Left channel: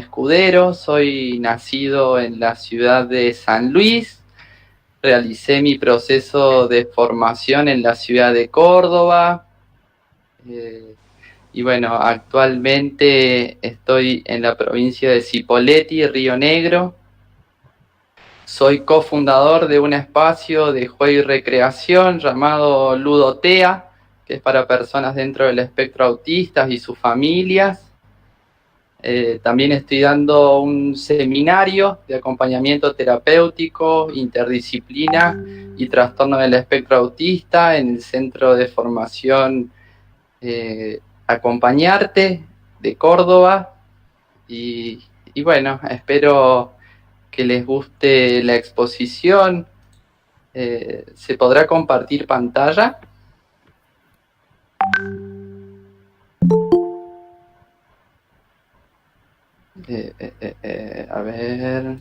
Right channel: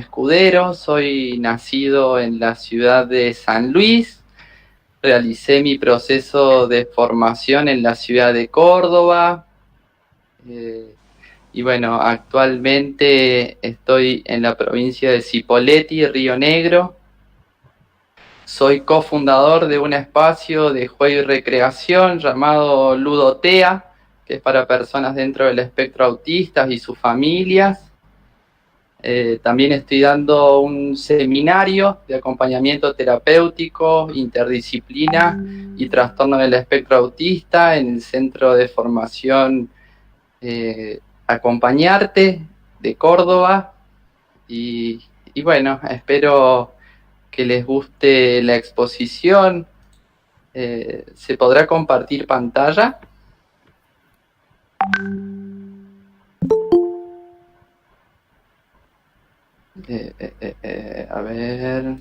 Escudero, soy nacido en la ciudad de San Luis, realicé mi proceso de formación en la ciudad de Córdoba, eh, y bueno, actualmente estoy en la provincia de Cipolletti, Río Negro. Soy cofundador de un espacio de juego y recreación llamado Ludotea, que es para personas dentro del espectro autista y sus familias. También estoy dando un seminario de acompañamiento terapéutico, interdisciplina y trastorno del espectro autista en el Centro de Formación Acompañarte de Córdoba. Y, y bueno, espero que les guste la exposición. ¿Se podrá compartir pantalla? A ver.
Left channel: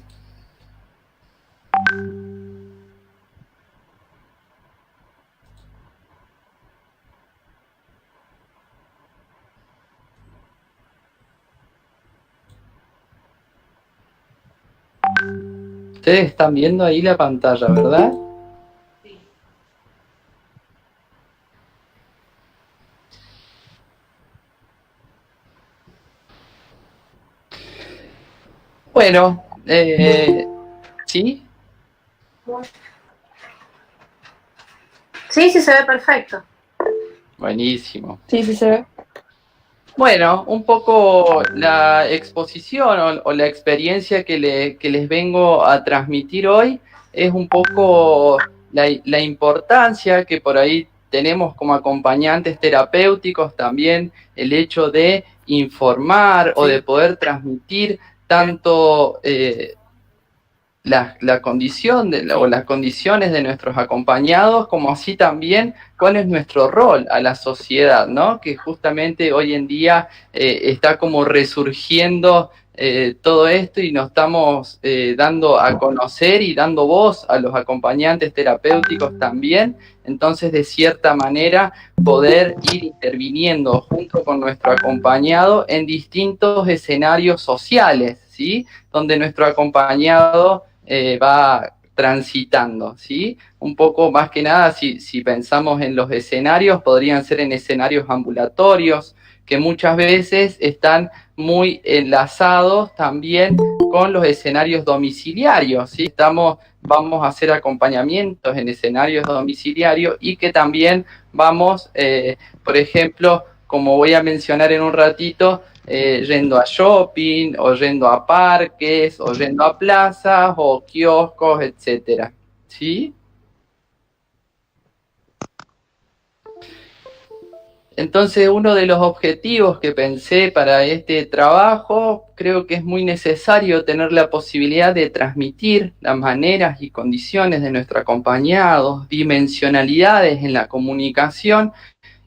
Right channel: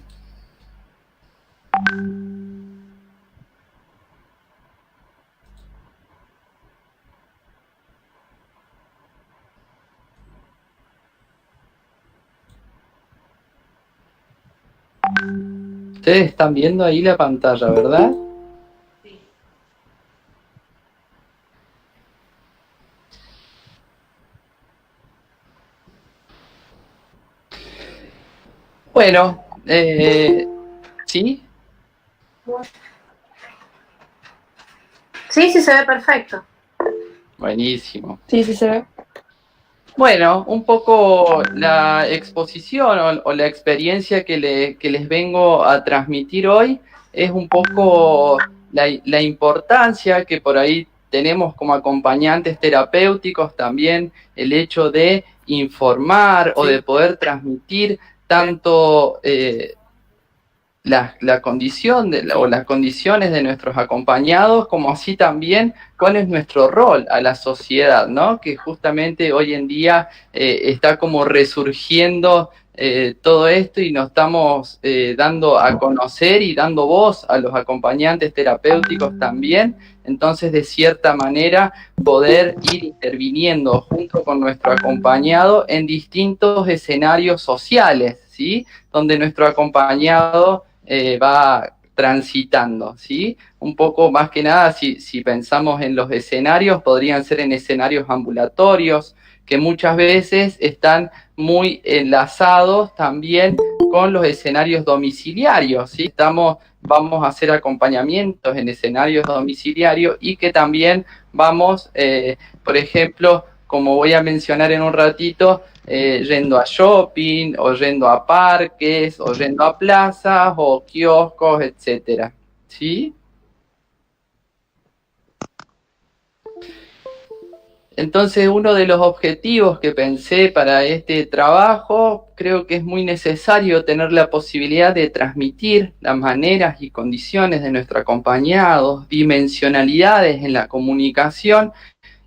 Ustedes están viendo ahí la pantalla, ¿verdad? Bueno, ¿sí? Sí, sí, se ve perfecto. Buenísimo. Sí, sí se ve. Bueno, un poco la exposición o la experiencia que les vengo a transmitir hoy es un poco la importancia que por ahí tenemos como acompañantes terapéuticos también, el hecho de informar o de poder transmitir tanto la condición o las condiciones de nuestros acompañados, como así también cuál es nuestro rol a la sociedad, ¿no? Que justamente hoy en día está como resurgiendo todo esto y nos estamos dando a conocer y dando voz a los acompañantes terapéuticos también. Entonces, de cierta manera, poder ir interviniendo junto con nuestro acompañado en distintos escenarios sociales, ¿sí? Donde nuestro acompañado va transitando, ¿sí? Un poco más que nada, si pensamos en los escenarios, podrían ser en escenarios ambulatorios, que muchas veces están muy enlazados también con los escenarios domiciliarios, ¿sí? Vamos a hacer acompañamientos en escenarios domiciliarios y que también vamos, por ejemplo, como voy a mencionar en un ratito, yendo a shopping, o yendo a parques, o yendo a plazas, o kioscos, etcétera. ¿Sí? Entonces, uno de los objetivos que pensé para este trabajo, creo que es muy necesario tener la posibilidad de transmitir las maneras y condiciones de nuestro acompañado, dimensionalidades en la comunicación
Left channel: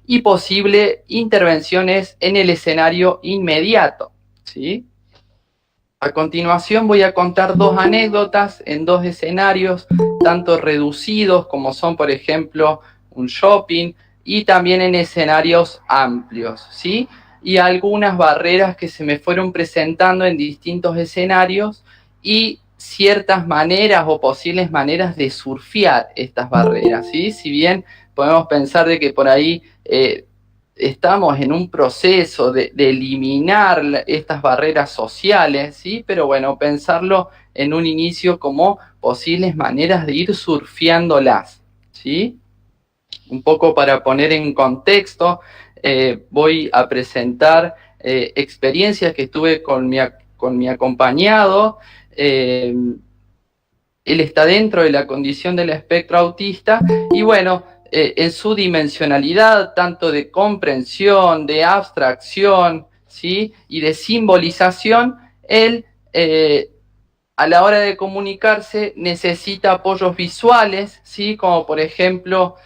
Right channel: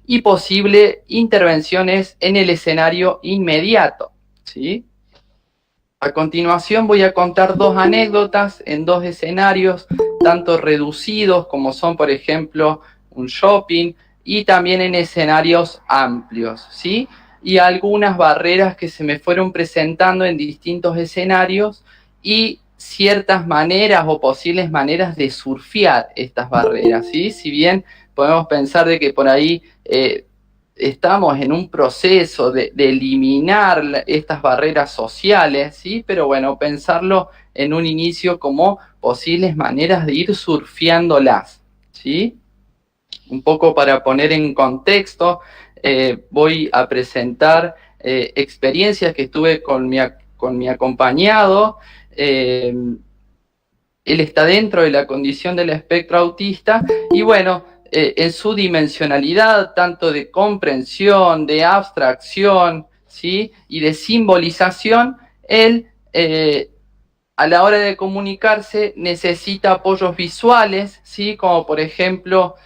y posibles intervenciones en el escenario inmediato, ¿sí? A continuación voy a contar dos anécdotas en dos escenarios, tanto reducidos como son, por ejemplo, un shopping, y también en escenarios amplios, ¿sí? Y algunas barreras que se me fueron presentando en distintos escenarios y ciertas maneras o posibles maneras de surfear estas barreras, ¿sí? Si bien podemos pensar de que por ahí estamos en un proceso de eliminar estas barreras sociales, ¿sí? Pero bueno, pensarlo en un inicio como posibles maneras de ir surfeándolas, ¿sí? Un poco para poner en contexto, voy a presentar experiencias que tuve con mi acompañado. Él está dentro de la condición del espectro autista y bueno, en su dimensionalidad, tanto de comprensión, de abstracción, ¿sí? Y de simbolización, él a la hora de comunicarse necesita apoyos visuales, ¿sí? Como por ejemplo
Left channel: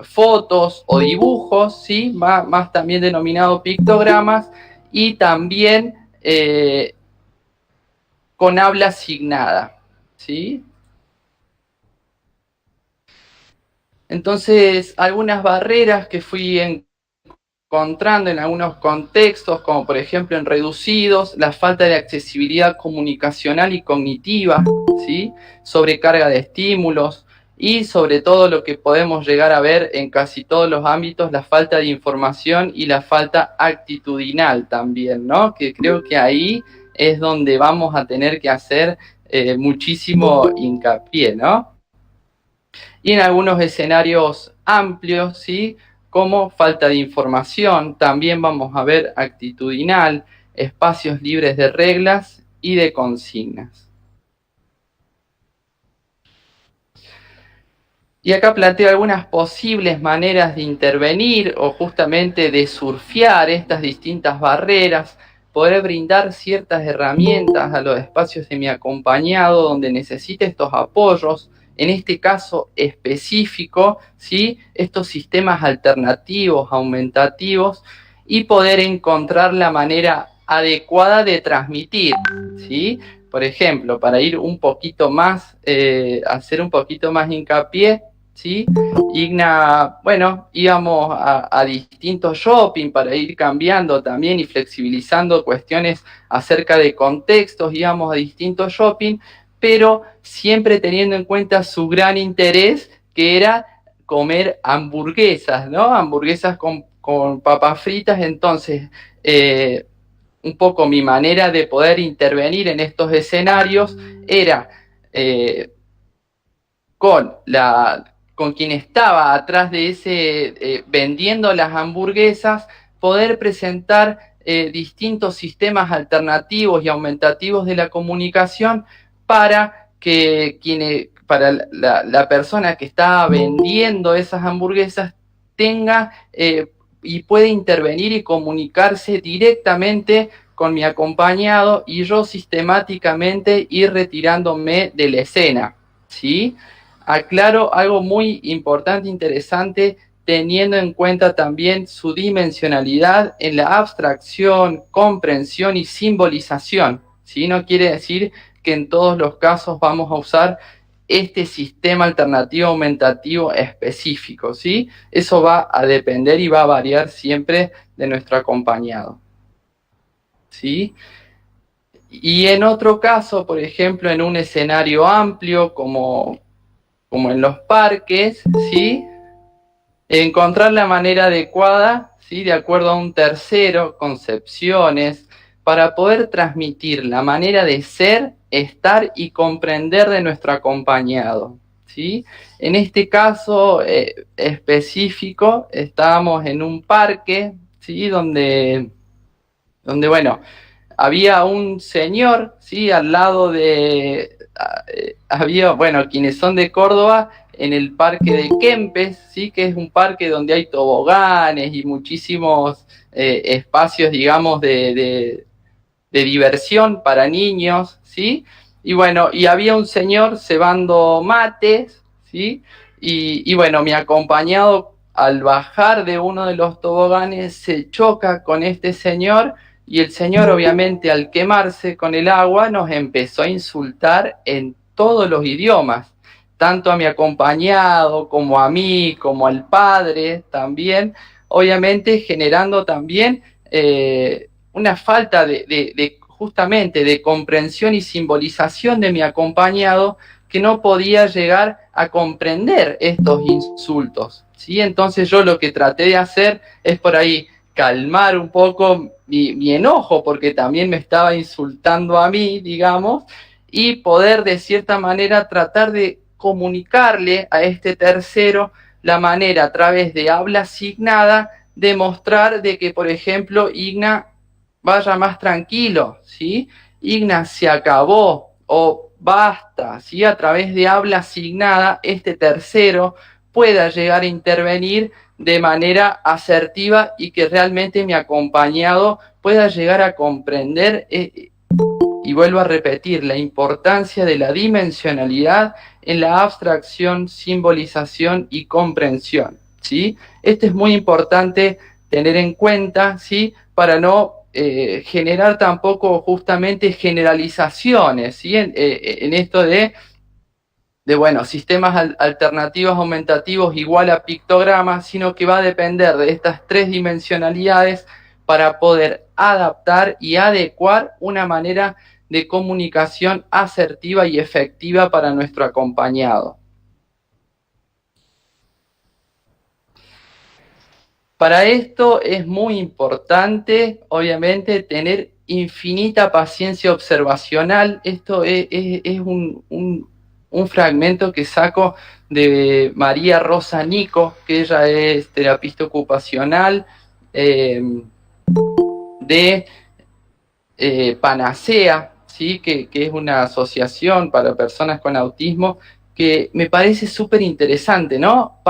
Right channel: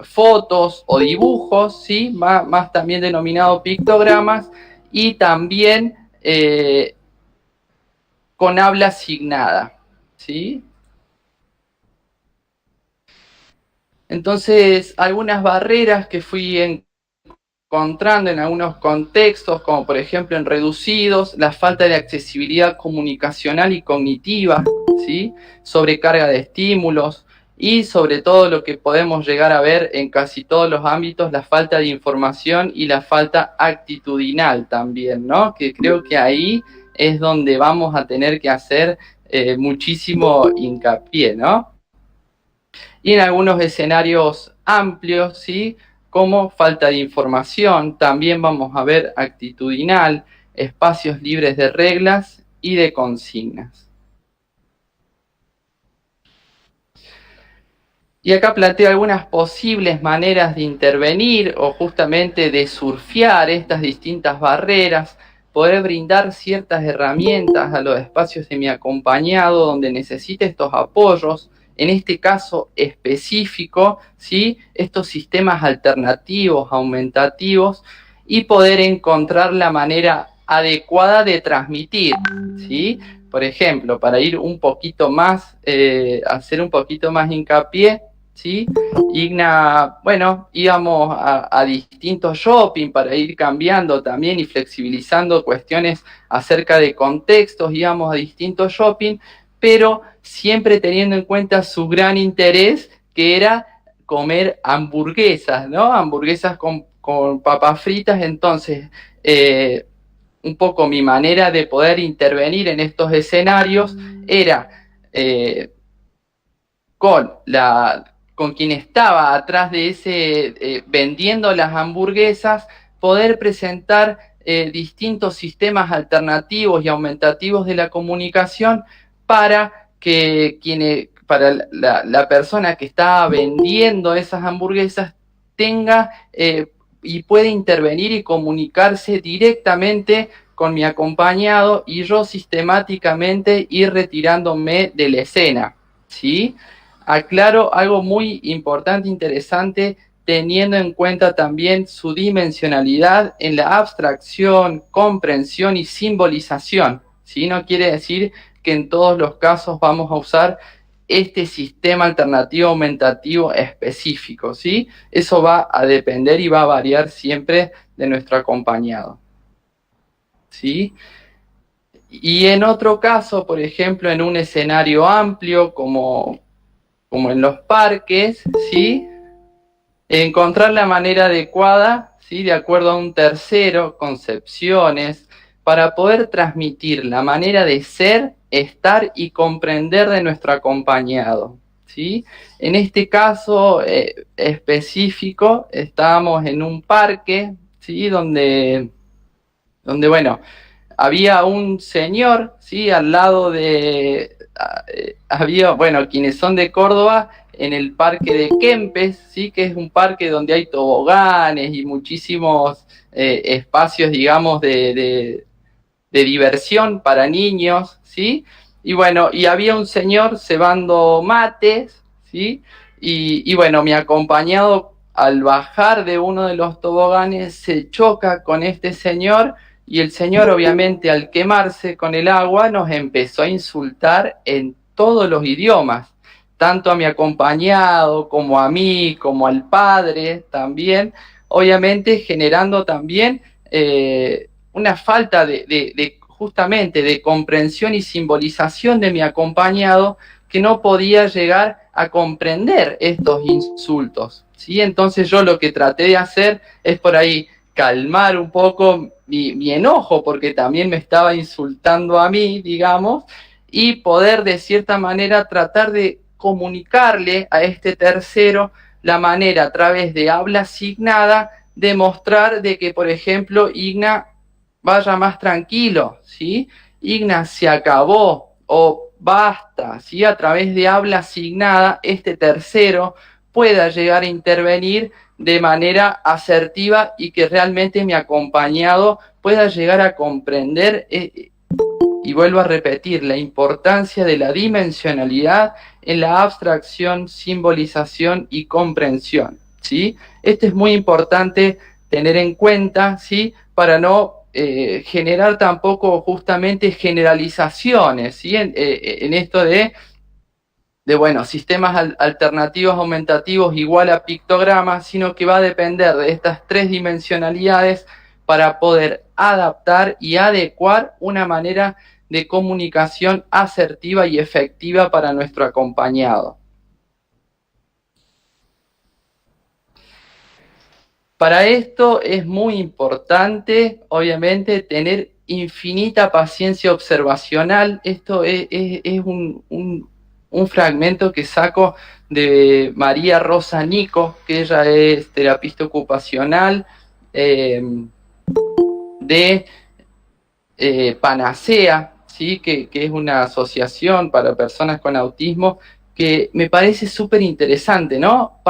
fotos o dibujos, ¿sí? Más también denominado pictogramas, y también con habla asignada, ¿sí? Entonces, algunas barreras que fui encontrando en algunos contextos, como por ejemplo en reducidos, la falta de accesibilidad comunicacional y cognitiva, ¿sí? Sobrecarga de estímulos y sobre todo lo que podemos llegar a ver en casi todos los ámbitos, la falta de información y la falta actitudinal también, ¿no? Que creo que ahí es donde vamos a tener que hacer muchísimo hincapié, ¿no? Y en algunos escenarios amplios, ¿sí? Como falta de información, también vamos a ver actitudinal, espacios libres de reglas y de consignas. Y acá planteo algunas posibles maneras de intervenir o justamente de surfear estas distintas barreras, poder brindar ciertas herramientas a los espacios de mi acompañado donde necesite estos apoyos, en este caso específico, ¿sí? Estos sistemas alternativos, aumentativos, y poder encontrar la manera adecuada de transmitir, ¿sí? Por ejemplo, para ir un poquito más, hacer un poquito más hincapié, ¿sí? Igna, bueno, íbamos a distintos shopping para ir cambiando también y flexibilizando cuestiones acerca de contextos, íbamos a distintos shopping, pero siempre teniendo en cuenta su gran interés, que era comer hamburguesas, ¿no? Hamburguesas con papas fritas. Entonces, un poco mi manera de poder intervenir en estos escenarios era con quien estaba atrás de ese vendiendo las hamburguesas, poder presentar distintos sistemas alternativos y aumentativos de la comunicación para que para la persona que está vendiendo esas hamburguesas tenga y puede intervenir y comunicarse directamente con mi acompañado y yo sistemáticamente ir retirándome de la escena, ¿sí? Aclaro algo muy importante, interesante, teniendo en cuenta también su dimensionalidad en la abstracción, comprensión y simbolización, ¿sí? No quiere decir que en todos los casos vamos a usar este sistema alternativo aumentativo específico, ¿sí? Eso va a depender y va a variar siempre de nuestro acompañado, ¿sí? Y en otro caso, por ejemplo, en un escenario amplio como en los parques, ¿sí? Encontrar la manera adecuada, ¿sí? De acuerdo a un tercero, concepciones, para poder transmitir la manera de ser, estar y comprender de nuestro acompañado, ¿sí? En este caso específico, estábamos en un parque, ¿sí? Donde bueno, había un señor, ¿sí? Al lado de... había, bueno, quienes son de Córdoba, en el parque de Kempes, ¿sí? Que es un parque donde hay toboganes y muchísimos espacios, digamos, de diversión para niños, ¿sí? Y bueno, y había un señor cebando mates, ¿sí? Y bueno, mi acompañado al bajar de uno de los toboganes se choca con este señor y el señor obviamente al quemarse con el agua nos empezó a insultar en todos los idiomas, tanto a mi acompañado como a mí, como al padre también, obviamente generando también una falta justamente de comprensión y simbolización de mi acompañado, que no podía llegar a comprender estos insultos, ¿sí? Entonces yo lo que traté de hacer es por ahí calmar un poco mi enojo, porque también me estaba insultando a mí, digamos, y poder de cierta manera tratar de comunicarle a este tercero la manera a través de habla asignada de mostrar de que, por ejemplo, Igna vaya más tranquilo, ¿sí? Igna, se acabó, o basta, ¿sí? A través de habla asignada, este tercero pueda llegar a intervenir de manera asertiva y que realmente mi acompañado pueda llegar a comprender, y vuelvo a repetir, la importancia de la dimensionalidad en la abstracción, simbolización y comprensión, ¿sí? Esto es muy importante tener en cuenta, ¿sí? Para no generar tampoco justamente generalizaciones, ¿sí? En esto de bueno, sistemas alternativos aumentativos igual a pictogramas, sino que va a depender de estas tres dimensionalidades para poder adaptar y adecuar una manera de comunicación asertiva y efectiva para nuestro acompañado. Para esto es muy importante, obviamente, tener infinita paciencia observacional. Esto es un fragmento que saco de María Rosa Nico, que ella es terapista ocupacional de Panacea, ¿sí? que es una asociación para personas con autismo, que me parece súper interesante, ¿no?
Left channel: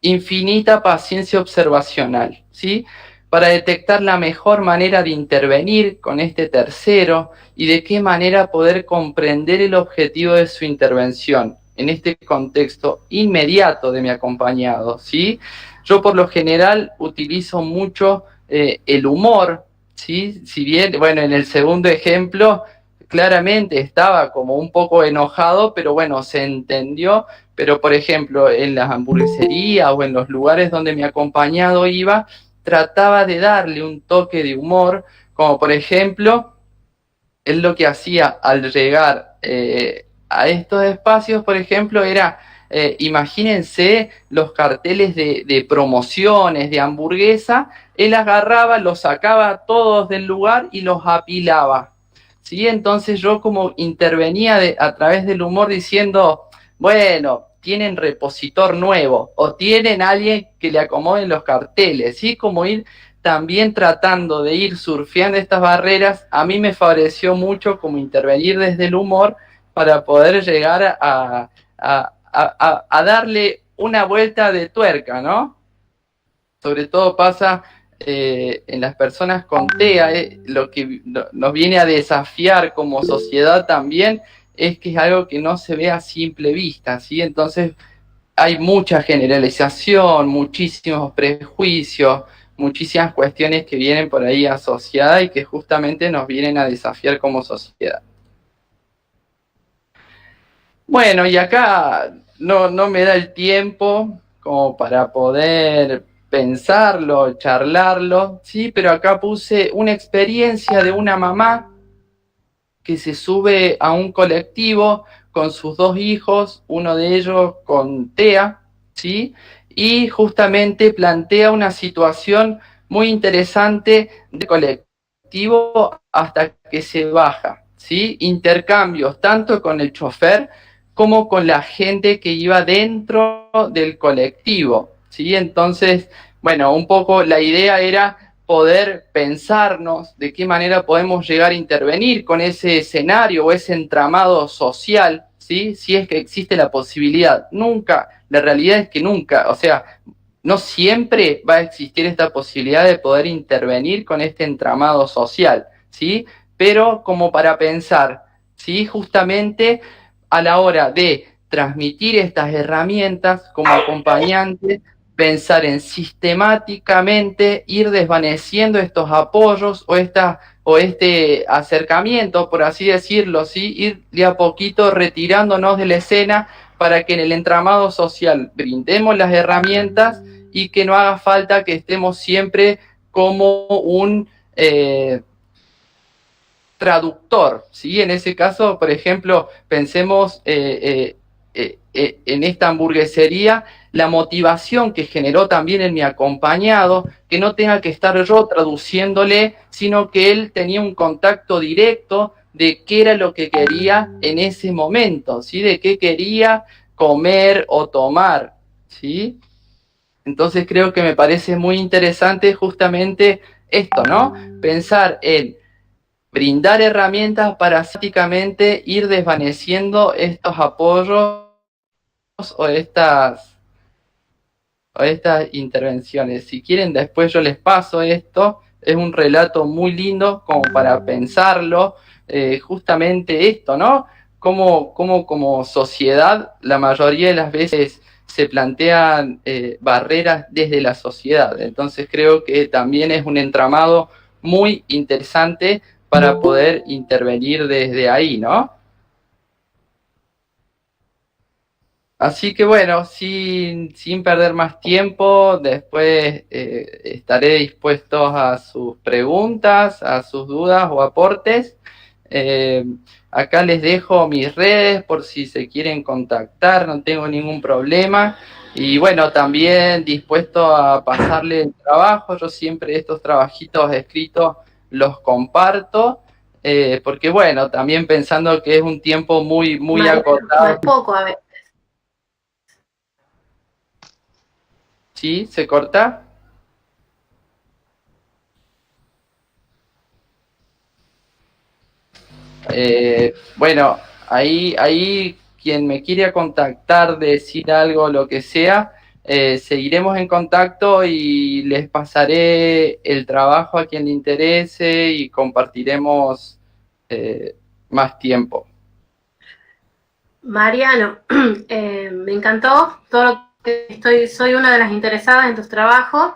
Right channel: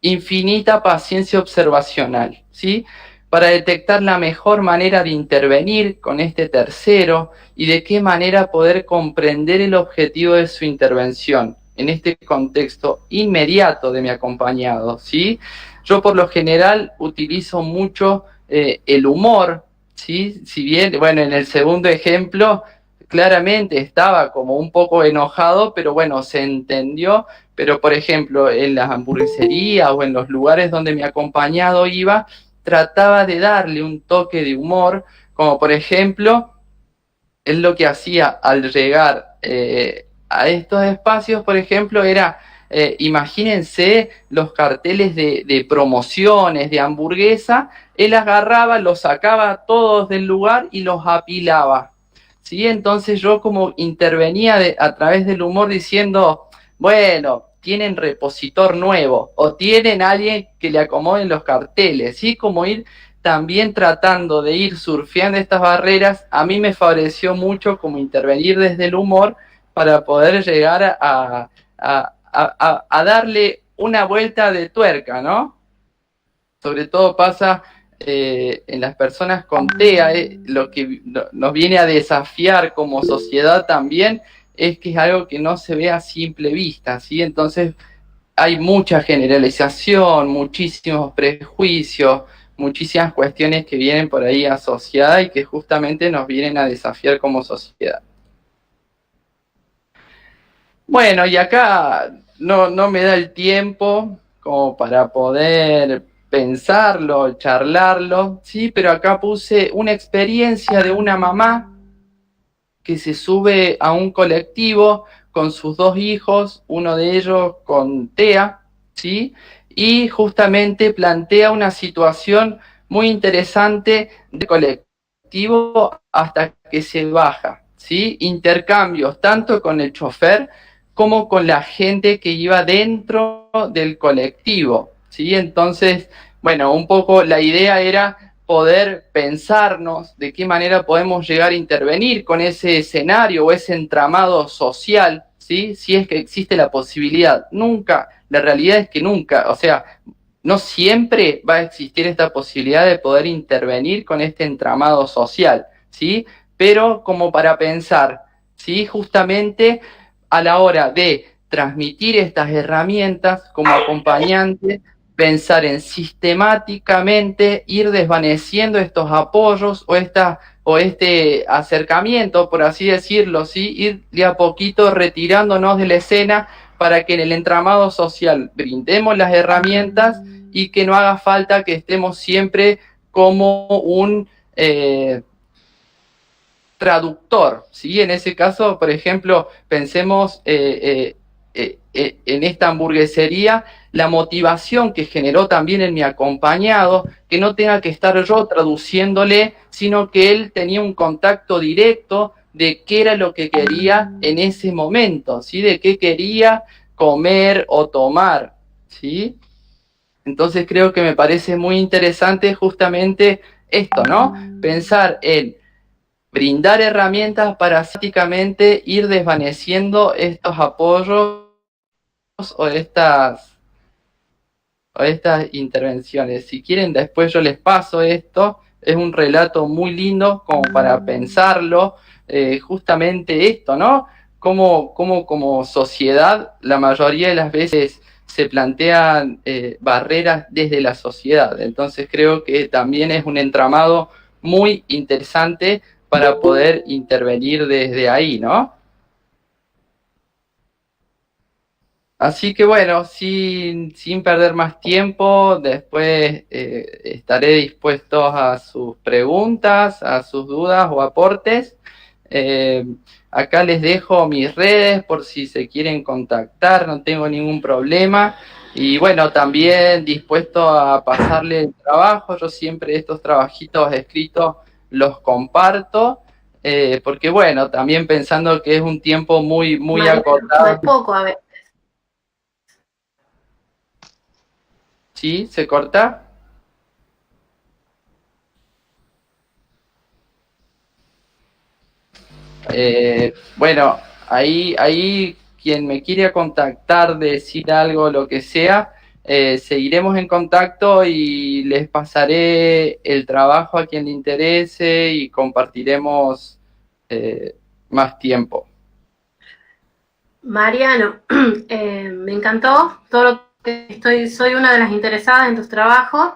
Infinita paciencia observacional, ¿sí? Para detectar la mejor manera de intervenir con este tercero y de qué manera poder comprender el objetivo de su intervención en este contexto inmediato de mi acompañado, ¿sí? Yo por lo general utilizo mucho el humor, ¿sí? Si bien, bueno, en el segundo ejemplo claramente estaba como un poco enojado, pero bueno, se entendió. Pero, por ejemplo, en las hamburgueserías o en los lugares donde mi acompañado iba, trataba de darle un toque de humor, como por ejemplo, él lo que hacía al llegar a estos espacios, por ejemplo, era, imagínense los carteles de promociones de hamburguesa, él agarraba, los sacaba todos del lugar y los apilaba. ¿Sí? Entonces yo como intervenía a través del humor diciendo, bueno, tienen repositor nuevo o tienen alguien que le acomoden los carteles, ¿sí? Como ir también tratando de ir surfeando estas barreras, a mí me favoreció mucho como intervenir desde el humor para poder llegar a darle una vuelta de tuerca, ¿no? Sobre todo pasa en las personas con TEA, lo que nos viene a desafiar como sociedad también es que es algo que no se ve a simple vista, ¿sí? Entonces hay mucha generalización, muchísimos prejuicios, muchísimas cuestiones que vienen por ahí asociadas y que justamente nos vienen a desafiar como sociedad. Bueno, y acá no me da el tiempo como para poder pensarlo, charlarlo, sí, pero acá puse una experiencia de una mamá que se sube a un colectivo con sus dos hijos, uno de ellos con TEA, ¿sí? Y justamente plantea una situación muy interesante de colectivo hasta que se baja, ¿sí? Intercambios tanto con el chofer como con la gente que iba dentro del colectivo, ¿sí? Entonces, bueno, un poco la idea era poder pensarnos de qué manera podemos llegar a intervenir con ese escenario o ese entramado social, ¿sí? Si es que existe la posibilidad. Nunca, la realidad es que nunca, o sea, no siempre va a existir esta posibilidad de poder intervenir con este entramado social, ¿sí? Pero como para pensar, ¿sí? Justamente a la hora de transmitir estas herramientas como acompañante, pensar en sistemáticamente ir desvaneciendo estos apoyos o este acercamiento, por así decirlo, ¿sí? Ir de a poquito retirándonos de la escena para que en el entramado social brindemos las herramientas y que no haga falta que estemos siempre como un traductor, ¿sí? En ese caso, por ejemplo, pensemos en esta hamburguesería, la motivación que generó también en mi acompañado, que no tenga que estar yo traduciéndole, sino que él tenía un contacto directo de qué era lo que quería en ese momento, ¿sí? De qué quería comer o tomar, ¿sí? Entonces creo que me parece muy interesante justamente esto, ¿no? Pensar en brindar herramientas para prácticamente ir desvaneciendo estos apoyos o estas intervenciones. Si quieren, después yo les paso esto. Es un relato muy lindo como para pensarlo. Justamente esto, ¿no? Como sociedad, la mayoría de las veces se plantean barreras desde la sociedad. Entonces creo que también es un entramado muy interesante para poder intervenir desde ahí, ¿no? Así que bueno, sin perder más tiempo, después estaré dispuesto a sus preguntas, a sus dudas o aportes. Eh, Acá les dejo mis redes por si se quieren contactar, no tengo ningún problema. Y bueno, también dispuesto a pasarle el trabajo. Yo siempre estos trabajitos escritos los comparto, porque bueno, también pensando que es un tiempo muy Mariano, no es acotado. poco, a ver. ¿Sí? ¿Se corta? Bueno, ahí quien me quiera contactar, decir algo, lo que sea, seguiremos en contacto y les pasaré el trabajo a quien le interese y compartiremos eh, más tiempo. Mariano, me encantó todo lo que soy una de las interesadas en tus trabajos.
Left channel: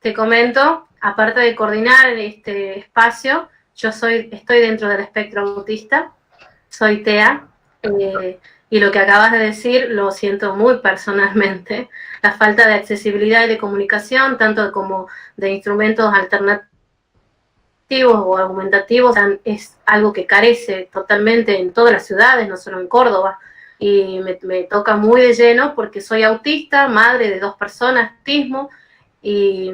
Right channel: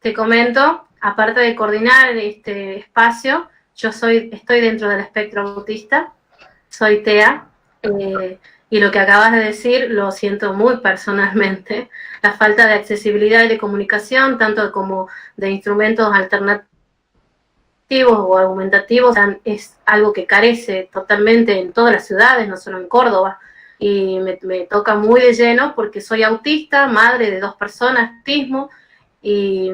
Te comento, aparte de coordinar este espacio, estoy dentro del espectro autista, soy TEA, y lo que acabas de decir lo siento muy personalmente. La falta de accesibilidad y de comunicación, tanto como de instrumentos alternativos o argumentativos, es algo que carece totalmente en todas las ciudades, no solo en Córdoba. Y me toca muy de lleno porque soy autista, madre de 2 personas, autismo, y,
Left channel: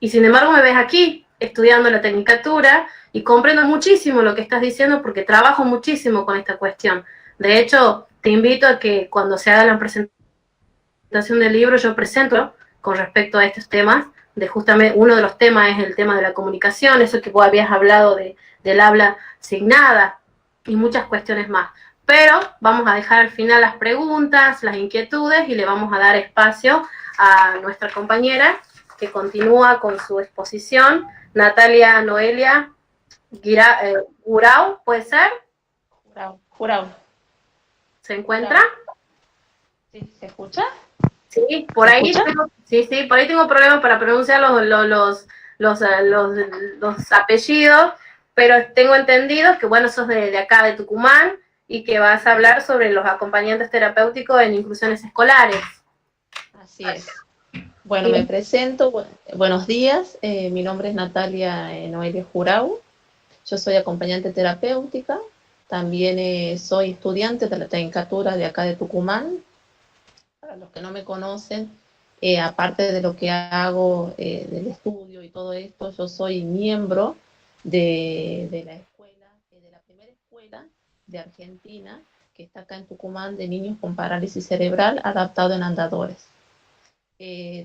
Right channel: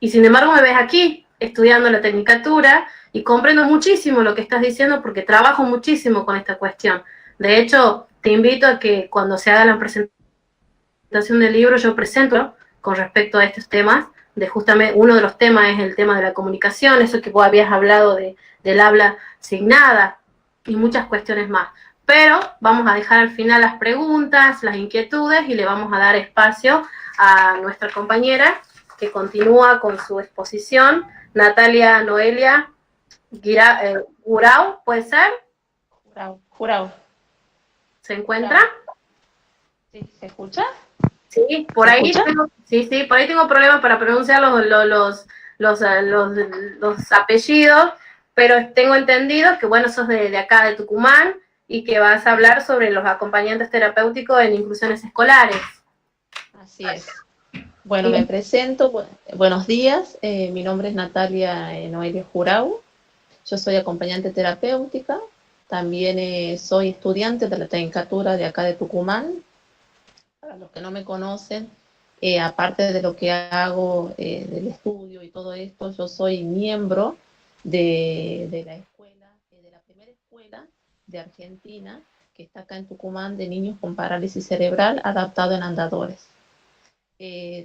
y sin embargo me ves aquí estudiando la tecnicatura y comprendo muchísimo lo que estás diciendo porque trabajo muchísimo con esta cuestión. De hecho, te invito a que cuando se haga la presentación del libro yo presento con respecto a estos temas, de justamente uno de los temas es el tema de la comunicación, eso que vos habías hablado del habla signada y muchas cuestiones más. Pero vamos a dejar al final las preguntas, las inquietudes y le vamos a dar espacio a nuestra compañera que continúa con su exposición, Natalia Noelia Gurau, ¿puede ser? Jurado, jurado, ¿Se encuentra? jurado. ¿Sí? ¿Se escucha? Sí, por ¿Se ahí escucha? tengo, sí, por ahí tengo problemas para pronunciar los apellidos, pero tengo entendido que, bueno, sos de acá, de Tucumán, y que vas a hablar sobre los acompañantes terapéuticos en inclusiones escolares. Así es. Bueno, me Y presento. Buenos días. Mi nombre es Natalia Noelia Jurau. Yo soy acompañante terapéutica. También soy estudiante de la tecnicatura de acá de Tucumán. Para los que no me conocen, aparte de lo que hago del estudio y todo esto, yo soy miembro de la escuela, de la primera escuela de Argentina, que está acá en Tucumán, de niños con parálisis cerebral adaptado en andadores.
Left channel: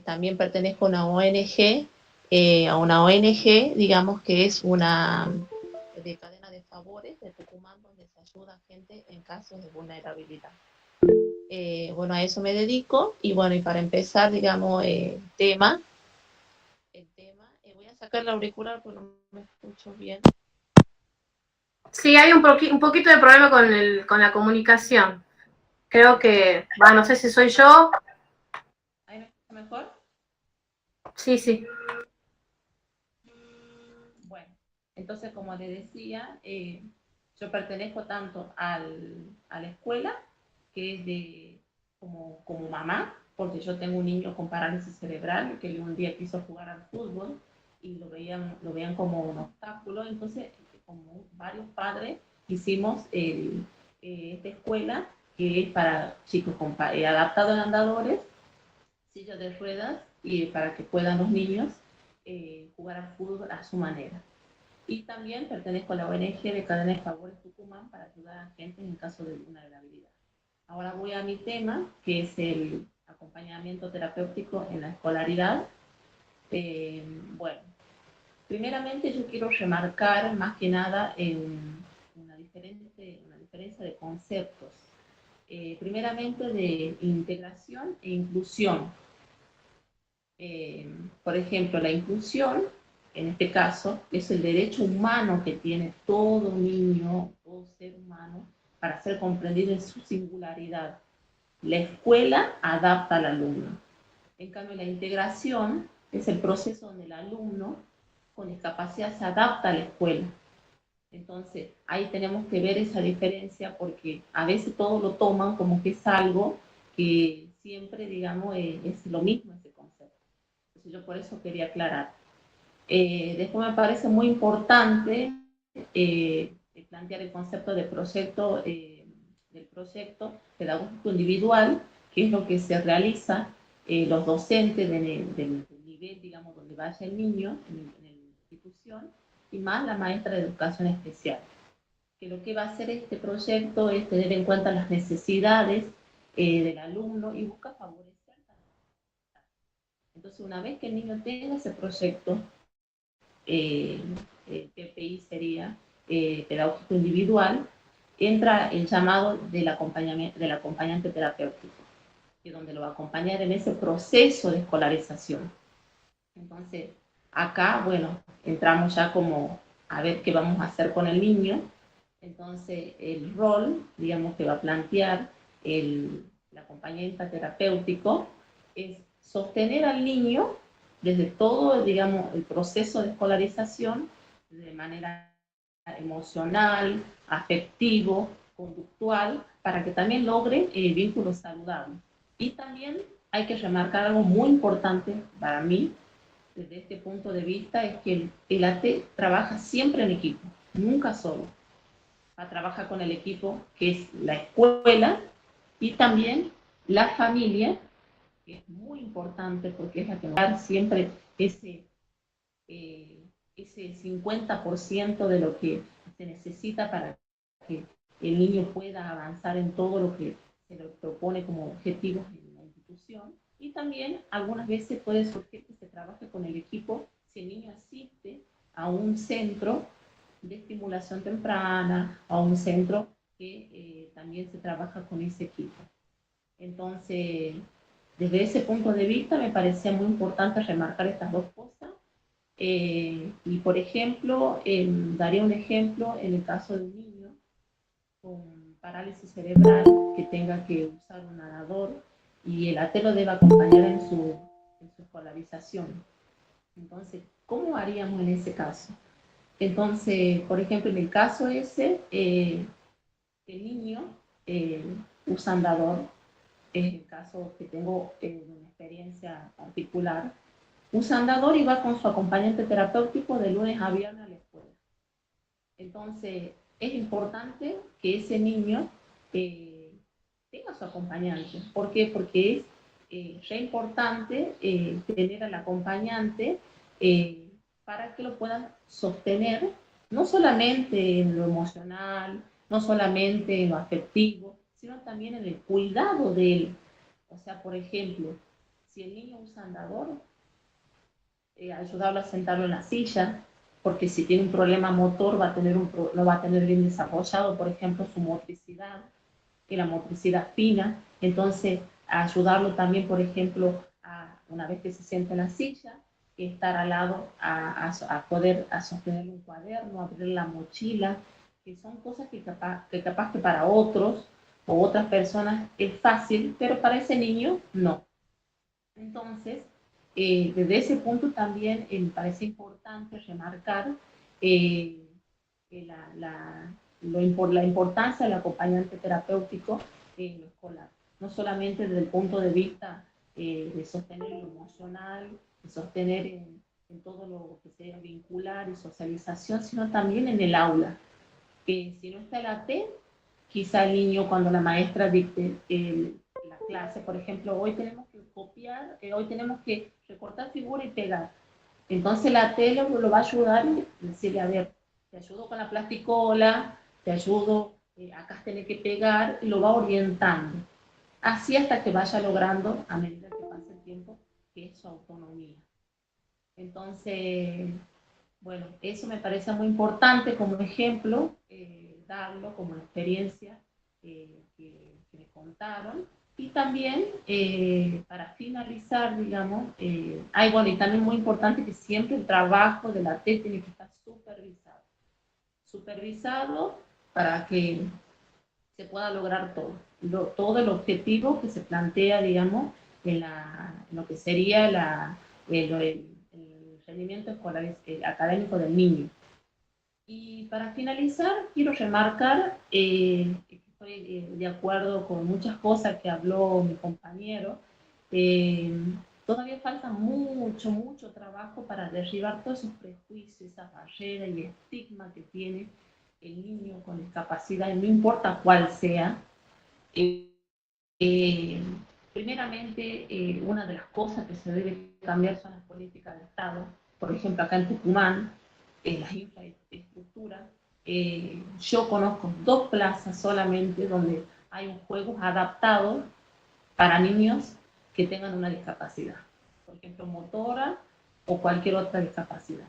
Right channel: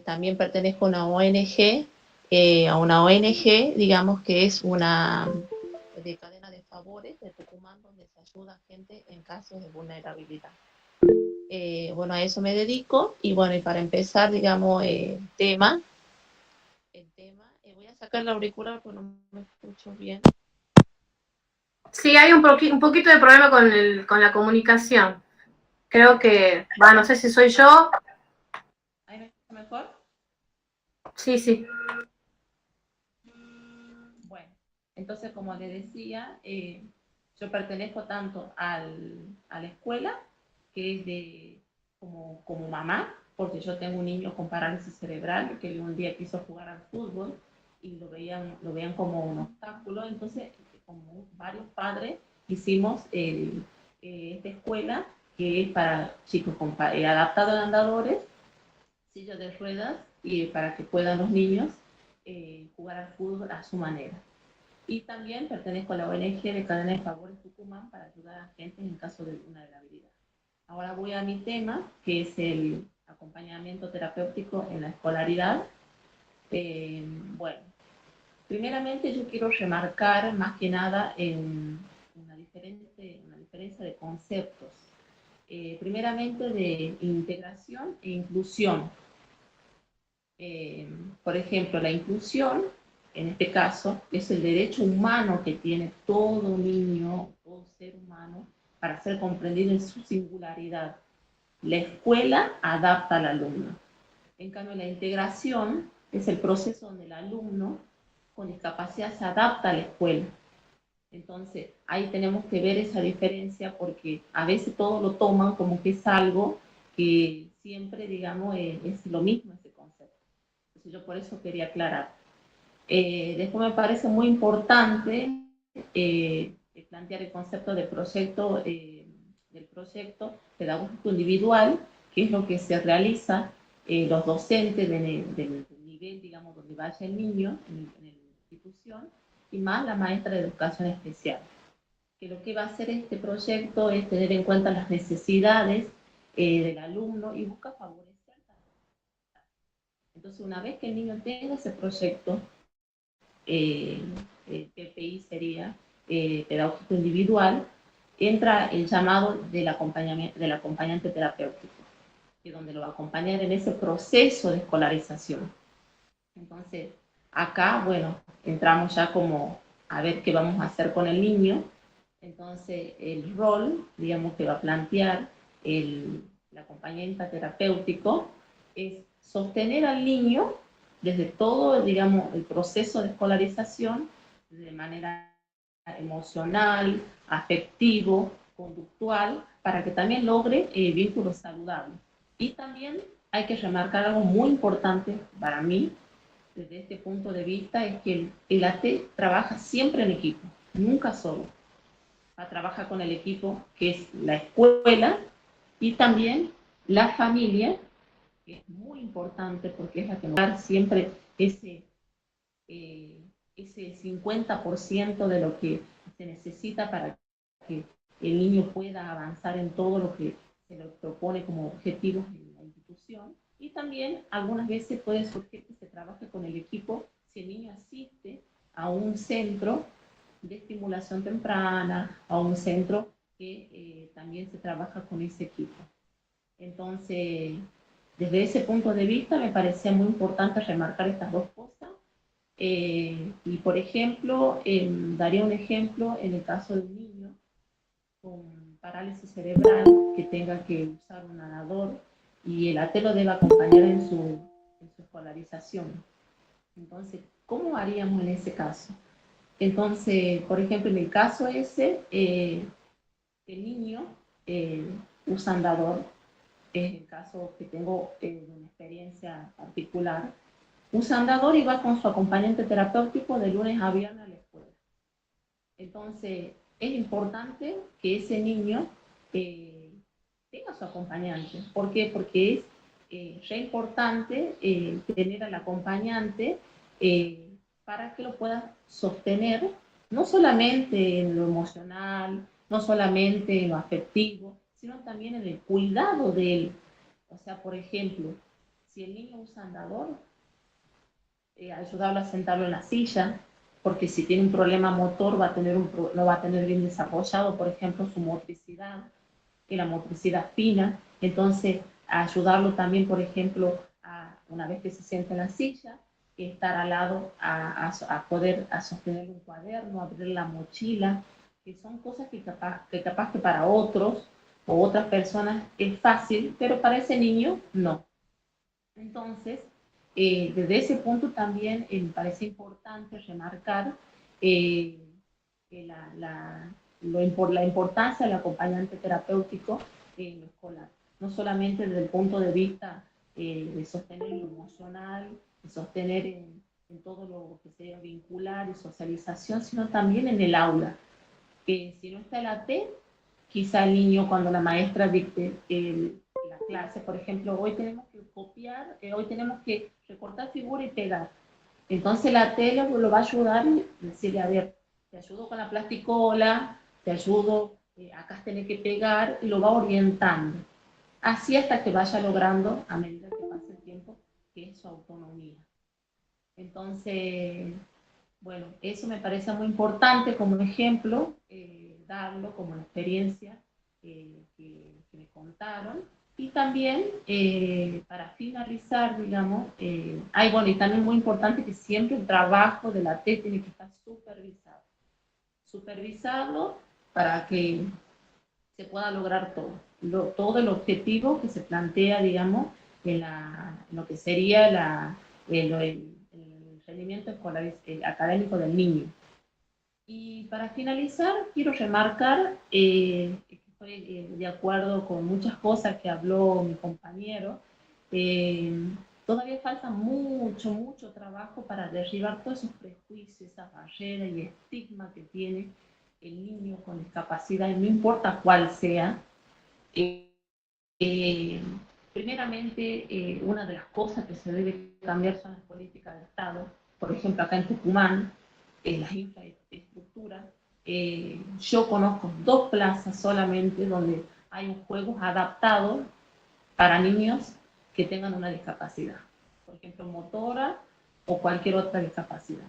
También pertenezco a una ONG, digamos que es una de cadena de favores de Tucumán, donde se ayuda a gente en casos de vulnerabilidad. Bueno, a eso me dedico y bueno, y para empezar, digamos, voy a sacar la auricular porque no me escucho bien. sí, hay un poquito de problema con la comunicación. Creo que, no sé si soy yo. ¿Ahí me escucha mejor? Sí, sí. Bueno, entonces como le decía, yo pertenezco tanto a la escuela, que es como mamá, porque yo tengo un niño con parálisis cerebral que un día quiso jugar al fútbol y lo veían como un obstáculo, entonces como varios padres hicimos esta escuela que es para chicos adaptados en andadores, sillas de ruedas, y para que puedan los niños jugar al fútbol a su manera. Y también pertenezco a la ONG de Cadena de Favores Tucumán para ayudar a gente en caso de vulnerabilidad. Ahora voy a mi tema, que es el acompañamiento terapéutico en la escolaridad. Bueno, primeramente yo quiero remarcar más que nada en una diferencia de conceptos. Primeramente de integración e inclusión. Por ejemplo, la inclusión, en este caso, es el derecho humano que tiene todo niño, todo ser humano, para ser comprendido en su singularidad. La escuela adapta al alumno. En cambio, la integración es el proceso donde el alumno con discapacidad se adapta a la escuela. Entonces, ahí tenemos que ver esa diferencia porque a veces todo lo toman como que es algo que siempre, digamos, es lo mismo ese concepto. Entonces yo por eso quería aclarar. Después me parece muy importante plantear el concepto de proyecto, del proyecto pedagógico individual, que es lo que se realiza los docentes del nivel, digamos, donde vaya el niño en la institución, y más la maestra de educación especial. Que lo que va a hacer este proyecto es tener en cuenta las necesidades del alumno y busca favorecer también. Entonces, una vez que el niño tenga ese proyecto, PPI sería pedagógico individual, entra el llamado del acompañante terapéutico, que es donde lo va a acompañar en ese proceso de escolarización. Entonces, acá, bueno, entramos ya como a ver qué vamos a hacer con el niño. Entonces, el rol, digamos, que va a plantear el acompañante terapéutico es sostener al niño desde todo, digamos, el proceso de escolarización, de manera emocional, afectivo, conductual, para que también logre vínculos saludables. Y también hay que remarcar algo muy importante para mí, desde este punto de vista, es que el AT trabaja siempre en equipo, nunca solo. Trabaja con el equipo que es la escuela y también la familia, que es muy importante porque es la que nos da siempre eh, ese 50% de lo que se necesita para que el niño pueda avanzar en todo lo que se le propone como objetivos en la institución. Y también algunas veces puede surgir que se trabaje con el equipo si el niño asiste a un centro de estimulación temprana, a un centro que también se trabaja con ese equipo. Entonces, desde ese punto de vista me parecía muy importante remarcar estas dos cosas. Y por ejemplo, daría un ejemplo en el caso de un niño con parálisis cerebral que tenga que usar un nadador y el AT lo debe acompañar en su escolarización. Entonces, ¿cómo haríamos en ese caso? Entonces, por ejemplo, en el caso ese, el niño usa andador, es el caso que tengo una experiencia particular, usa andador y va con su acompañante terapéutico de lunes a viernes a la escuela. Entonces, es importante que ese niño tenga su acompañante. ¿Por qué? Porque es re importante tener al acompañante para que lo pueda sostener, no solamente en lo emocional, no solamente en lo afectivo, sino también en el cuidado de él. O sea, por ejemplo, si el niño usa andador, ayudarlo a sentarlo en la silla, porque si tiene un problema motor va a tener no va a tener bien desarrollado, por ejemplo, su motricidad, y la motricidad fina. Entonces, ayudarlo también, por ejemplo, una vez que se sienta en la silla, estar al lado a poder sostener un cuaderno, abrir la mochila, que son cosas que capaz que para otros o otras personas es fácil, pero para ese niño no. Entonces, desde ese punto también me parece importante remarcar eh, la importancia del acompañante terapéutico en lo escolar. No solamente desde el punto de vista de sostener lo emocional, de sostener en todo lo que sea vincular y socialización, sino también en el aula. Si no está el AT, quizá el niño cuando la maestra dicte la clase, por ejemplo, hoy tenemos que copiar, hoy tenemos que recortar figura y pegar. Entonces la tele lo va a ayudar y decirle, a ver, te ayudo con la plasticola, te ayudo, acá tenés que pegar, y lo va orientando. Así hasta que vaya logrando, a medida que pase el tiempo, que es su autonomía. Entonces, bueno, eso me parece muy importante como ejemplo, darlo como experiencia que me contaron. Y también, para finalizar, digamos, bueno, y también muy importante que siempre el trabajo de la T tiene que estar supervisado. Supervisado para que se pueda lograr todo el objetivo que se plantea, digamos, en lo que sería el rendimiento escolar, académico del niño. Y para finalizar, quiero remarcar que estoy de acuerdo con muchas cosas que habló mi compañero. Todavía falta mucho, mucho trabajo para derribar todos esos prejuicios, esas barreras y estigma que tiene el niño con discapacidad, no importa cuál sea. Primeramente, una de las cosas que se debe cambiar son las políticas de Estado. Por ejemplo, acá en Tucumán, las infraestructuras. Yo conozco 2 plazas solamente donde hay un juego adaptado para niños que tengan una discapacidad, por ejemplo, motora o cualquier otra discapacidad.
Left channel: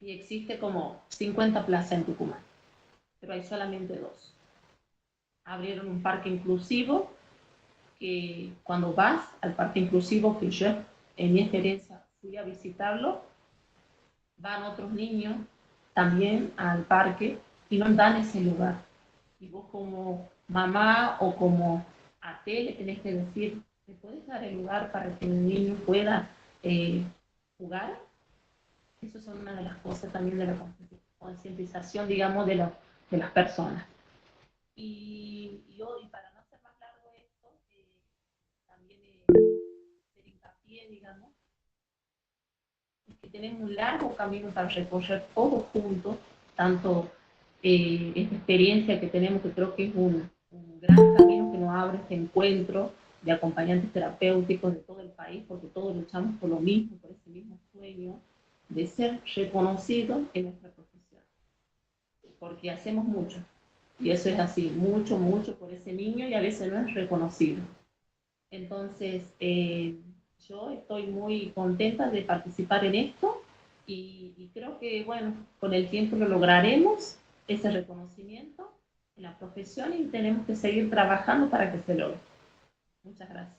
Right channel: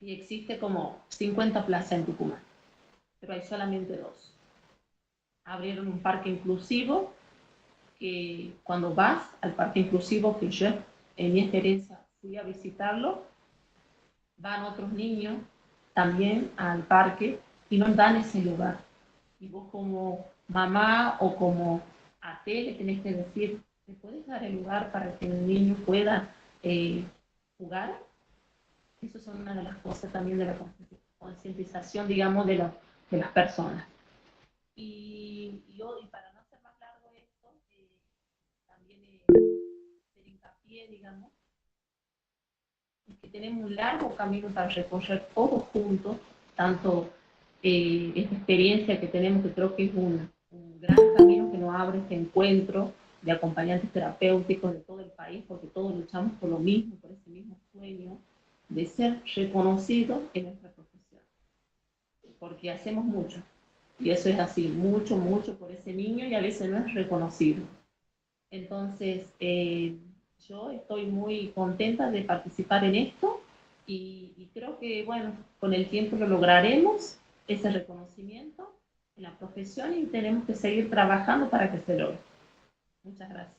Y existe como 50 plazas en Tucumán, pero hay solamente 2. Abrieron un parque inclusivo, que cuando vas al parque inclusivo, que yo en mi experiencia fui a visitarlo, van otros niños también al parque y no dan ese lugar. Y vos como mamá o como AT le tenés que decir, ¿me puedes dar el lugar para que el niño pueda jugar? Eso son una de las cosas también de la concientización, digamos, de las personas. Y para no hacer más largo esto, también hacer hincapié, digamos, es que tenemos un largo camino para recorrer todos juntos, tanto esta experiencia que tenemos, que creo que es un gran camino que nos abre este encuentro de acompañantes terapéuticos de todo el país, porque todos luchamos por lo mismo, por ese mismo sueño de ser reconocidos en nuestra profesión, porque hacemos mucho, y eso es así, mucho, mucho por ese niño, y a veces no es reconocido. Entonces, yo estoy muy contenta de participar en esto, y creo que, bueno, con el tiempo lo lograremos, ese reconocimiento en la profesión, y tenemos que seguir trabajando para que se logre. Muchas gracias.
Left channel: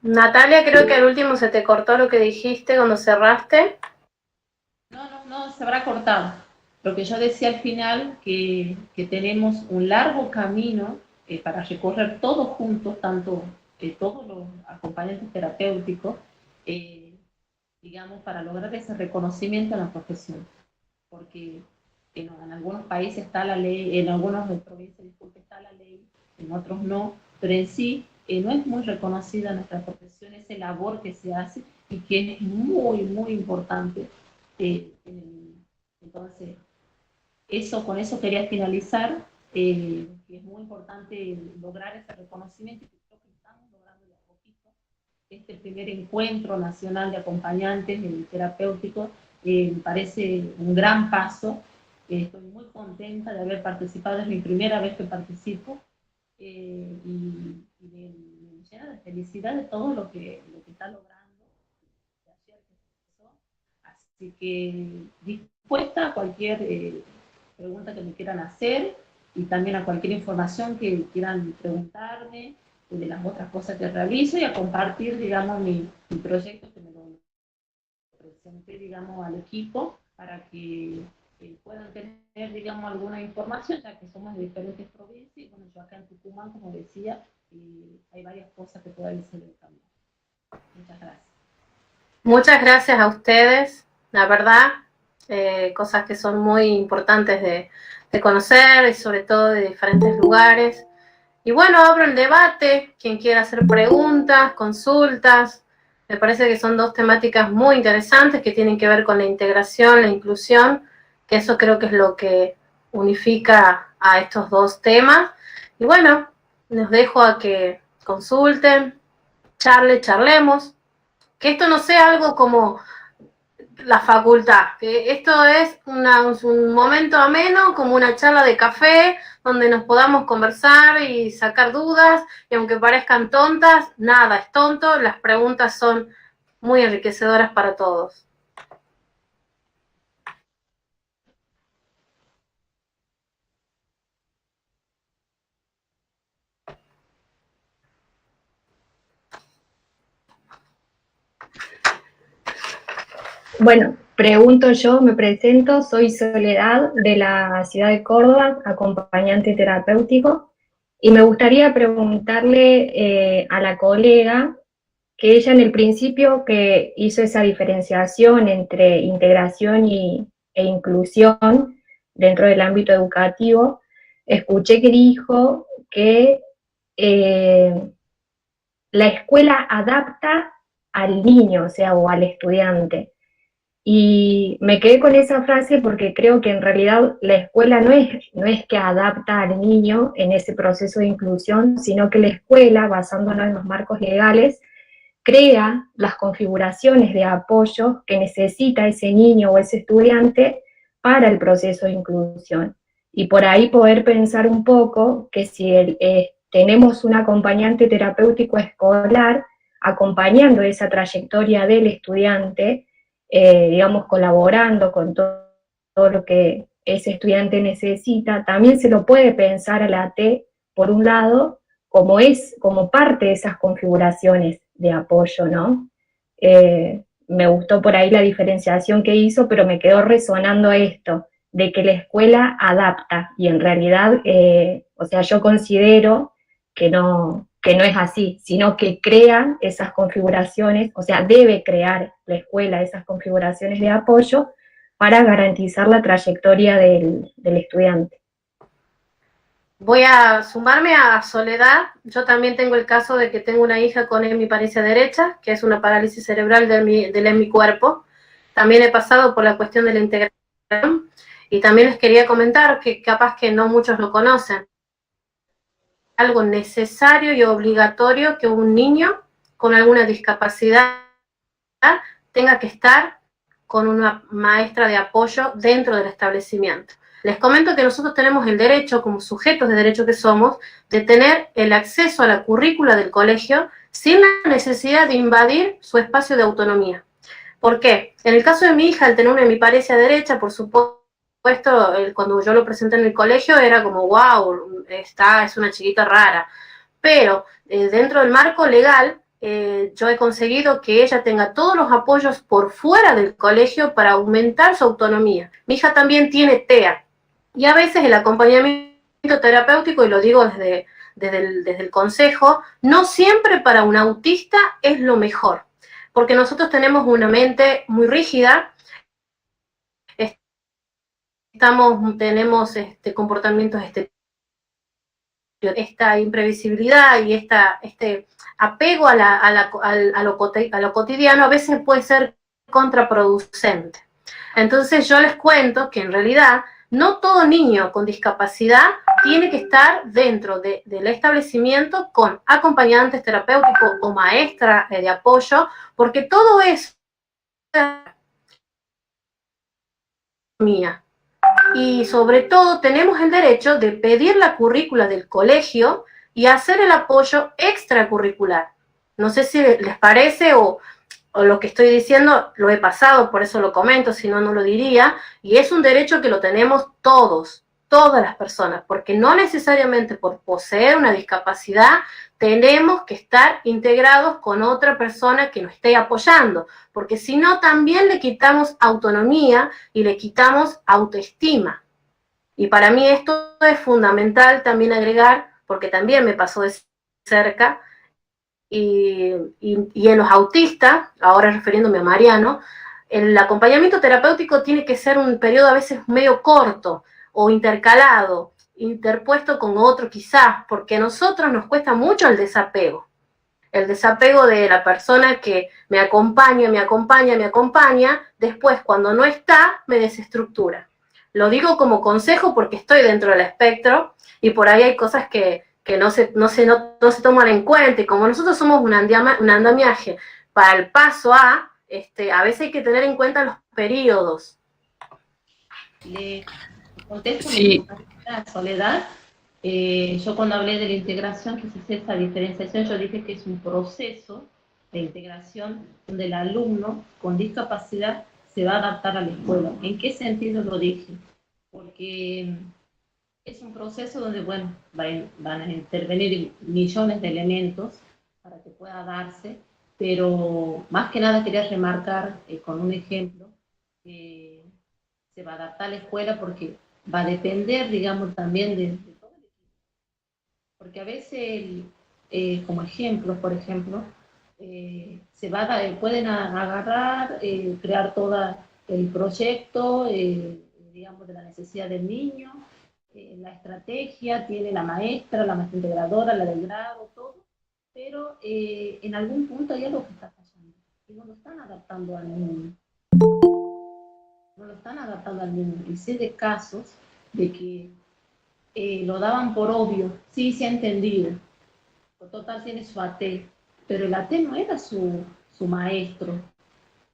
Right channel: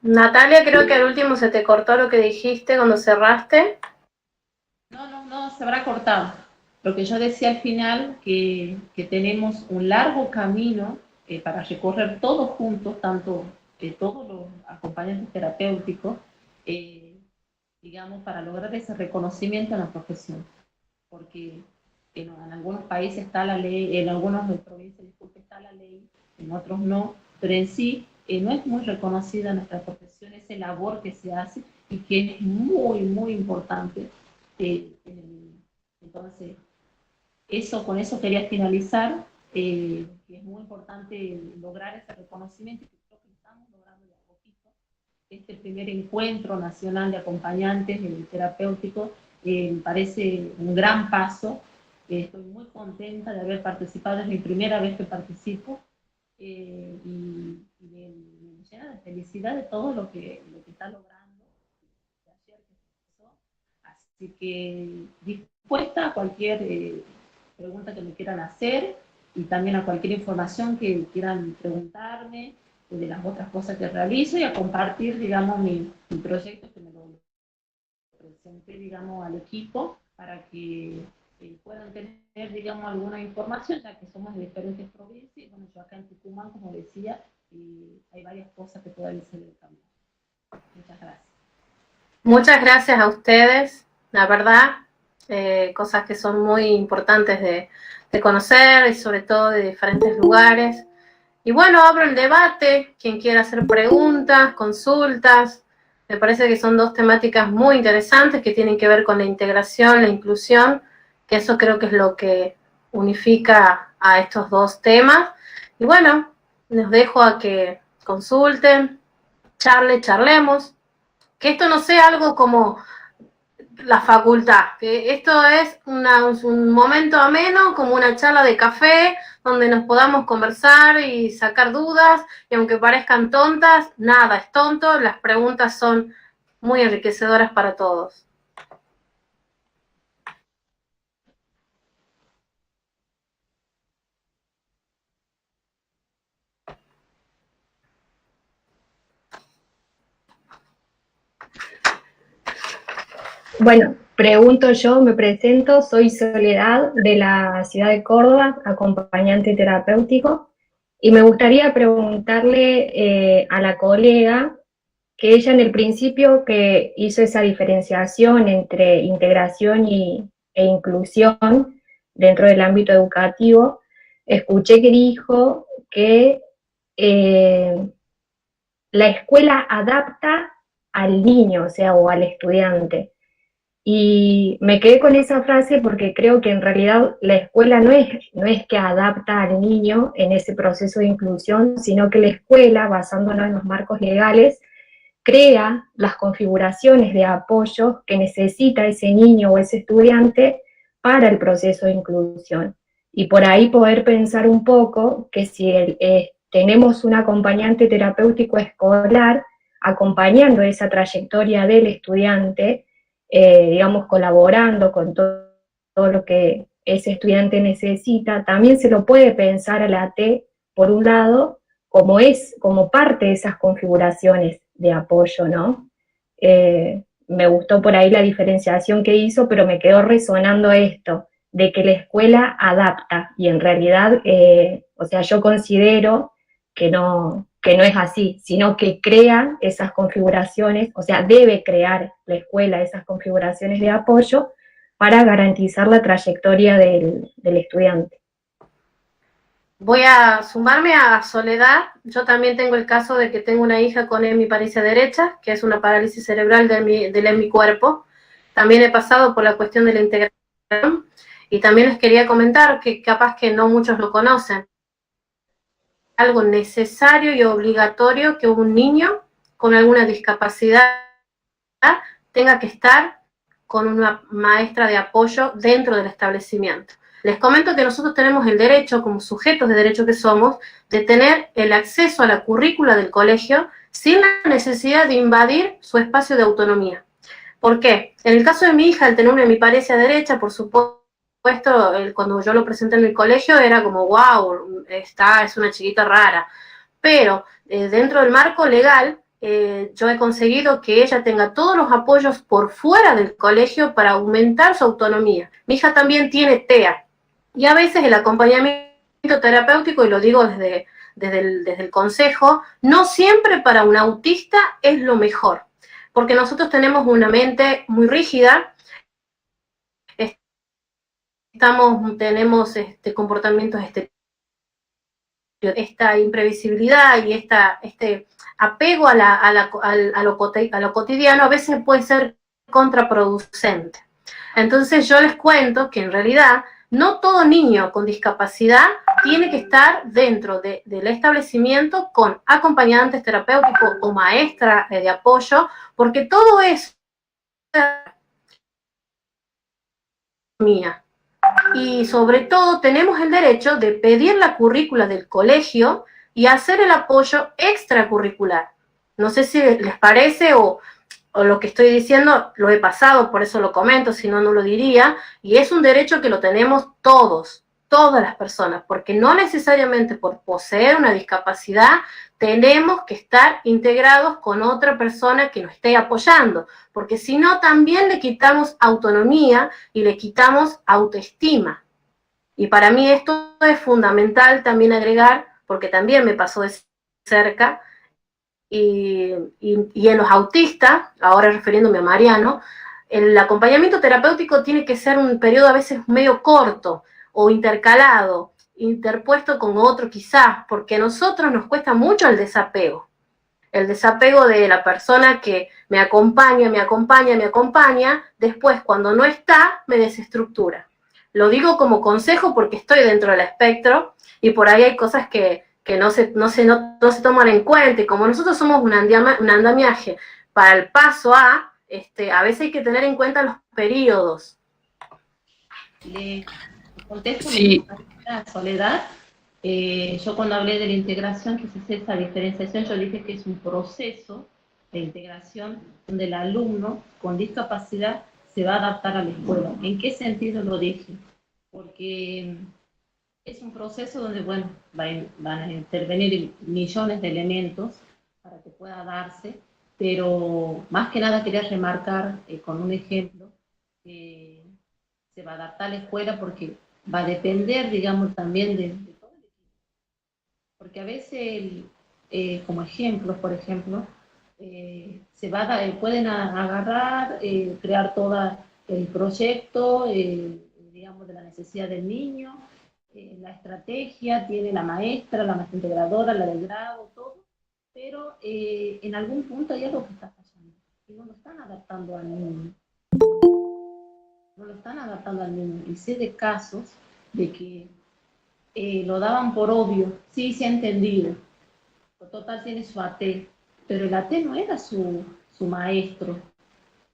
Natalia, creo que al último se te cortó lo que dijiste cuando cerraste. No, se habrá cortado. Lo que yo decía al final, que tenemos un largo camino para recorrer todos juntos, tanto todos los acompañantes terapéuticos, digamos, para lograr ese reconocimiento en la profesión. Porque en algunos países está la ley, en algunas provincias, disculpe, está la ley, en otros no, pero en sí no es muy reconocida nuestra profesión, esa labor que se hace y que es muy, muy importante. Entonces, con eso quería finalizar, que es muy importante lograr ese reconocimiento, y creo que estamos logrando de a poquito. Este primer encuentro nacional de acompañantes terapéuticos me parece un gran paso. Estoy muy contenta de haber participado, es mi primera vez que participo, y me llena de felicidad de todo lo que está logrando. Así que dispuesta a cualquier pregunta que me quieran hacer, y también a cualquier información que quieran preguntarme de las otras cosas que realizo, y a compartir, digamos, mi proyecto, que me lo presenté, digamos, al equipo, para que puedan tener, digamos, alguna información, ya que somos de diferentes provincias. Y bueno, yo acá en Tucumán, como decía, hay varias cosas que todavía se deben cambiar. Muchas gracias. Muchas gracias a ustedes, la verdad, cosas que son muy importantes de conocer, y sobre todo de diferentes lugares. Y bueno, abro el debate, quien quiera hacer preguntas, consultas. Me parece que son 2 temáticas muy interesantes que tienen que ver con la integración, la inclusión, que eso creo que es lo que unifica a estos 2 temas. Y bueno, los dejo a que consulten, charlemos, que esto no sea algo como la facultad, que esto es un momento ameno, como una charla de café, donde nos podamos conversar y sacar dudas, y aunque parezcan tontas, nada es tonto, las preguntas son muy enriquecedoras para todos. Bueno, pregunto yo, me presento, soy Soledad de la ciudad de Córdoba, acompañante terapéutico, Y me gustaría preguntarle a la colega que ella en el principio que hizo esa diferenciación entre integración e inclusión dentro del ámbito educativo, escuché que dijo que la escuela adapta al niño, o sea, o al estudiante. Y me quedé con esa frase porque creo que en realidad la escuela no es que adapta al niño en ese proceso de inclusión, sino que la escuela, basándonos en los marcos legales, crea las configuraciones de apoyo que necesita ese niño o ese estudiante para el proceso de inclusión. Y por ahí poder pensar un poco que si tenemos un acompañante terapéutico escolar acompañando esa trayectoria del estudiante, digamos, colaborando con todo lo que ese estudiante necesita, también se lo puede pensar a la T, por un lado, como parte de esas configuraciones de apoyo, ¿no? Me gustó por ahí la diferenciación que hizo, pero me quedó resonando esto, de que la escuela adapta, y en realidad, o sea, yo considero que no es así, sino que crea esas configuraciones, o sea, debe crear la escuela esas configuraciones de apoyo para garantizar la trayectoria del estudiante. Voy a sumarme a Soledad. Yo también tengo el caso de que tengo una hija con hemiparesia derecha, que es una parálisis cerebral del hemicuerpo. También he pasado por la cuestión de la integración y también les quería comentar que capaz que no muchos lo conocen. Algo necesario y obligatorio que un niño con alguna discapacidad tenga que estar con una maestra de apoyo dentro del establecimiento. Les comento que nosotros tenemos el derecho, como sujetos de derecho que somos, de tener el acceso a la currícula del colegio sin la necesidad de invadir su espacio de autonomía. ¿Por qué? En el caso de mi hija, al tener una hemiparesia derecha, por supuesto, cuando yo lo presenté en el colegio era como, wow, es una chiquita rara. Pero dentro del marco legal, yo he conseguido que ella tenga todos los apoyos por fuera del colegio para aumentar su autonomía. Mi hija también tiene TEA, y a veces el acompañamiento terapéutico, y lo digo desde el consejo, no siempre para un autista es lo mejor, porque nosotros tenemos una mente muy rígida, tenemos comportamientos esta imprevisibilidad y este apego a lo cotidiano a veces puede ser contraproducente. Entonces yo les cuento que en realidad no todo niño con discapacidad tiene que estar dentro del establecimiento con acompañantes terapéuticos o maestra de apoyo, porque todo eso es mía. Y sobre todo tenemos el derecho de pedir la currícula del colegio y hacer el apoyo extracurricular. No sé si les parece o lo que estoy diciendo lo he pasado, por eso lo comento, si no, no lo diría, y es un derecho que lo tenemos todas las personas, porque no necesariamente por poseer una discapacidad tenemos que estar integrados con otra persona que nos esté apoyando, porque si no también le quitamos autonomía y le quitamos autoestima. Y para mí esto es fundamental también agregar, porque también me pasó de cerca, y en los autistas, ahora refiriéndome a Mariano, el acompañamiento terapéutico tiene que ser un periodo a veces medio corto o intercalado, interpuesto con otro quizás, porque a nosotros nos cuesta mucho el desapego de la persona que me acompaña, después cuando no está, me desestructura. Lo digo como consejo porque estoy dentro del espectro y por ahí hay cosas que no se toman en cuenta, y como nosotros somos un andamiaje para el paso a veces hay que tener en cuenta los periodos. Le contesto Sí. a Soledad. Yo cuando hablé de la integración, que se hace esa diferenciación, yo dije que es un proceso de integración donde el alumno con discapacidad se va a adaptar a la escuela. ¿En qué sentido lo dije? Porque es un proceso donde, bueno, van a intervenir millones de elementos para que pueda darse, pero más que nada quería remarcar con un ejemplo que se va a adaptar a la escuela porque va a depender, digamos, también de todo el equipo. porque a veces, como ejemplos, por ejemplo, pueden agarrar, crear todo el proyecto, digamos, de la necesidad del niño, la estrategia, tiene la maestra integradora, la del grado, todo, pero en algún punto hay algo que está fallando, y no lo están adaptando al niño. No lo están adaptando al niño. Y sé de casos de que lo daban por obvio, sí, se ha entendido, total tiene su AT, pero el AT no era su maestro,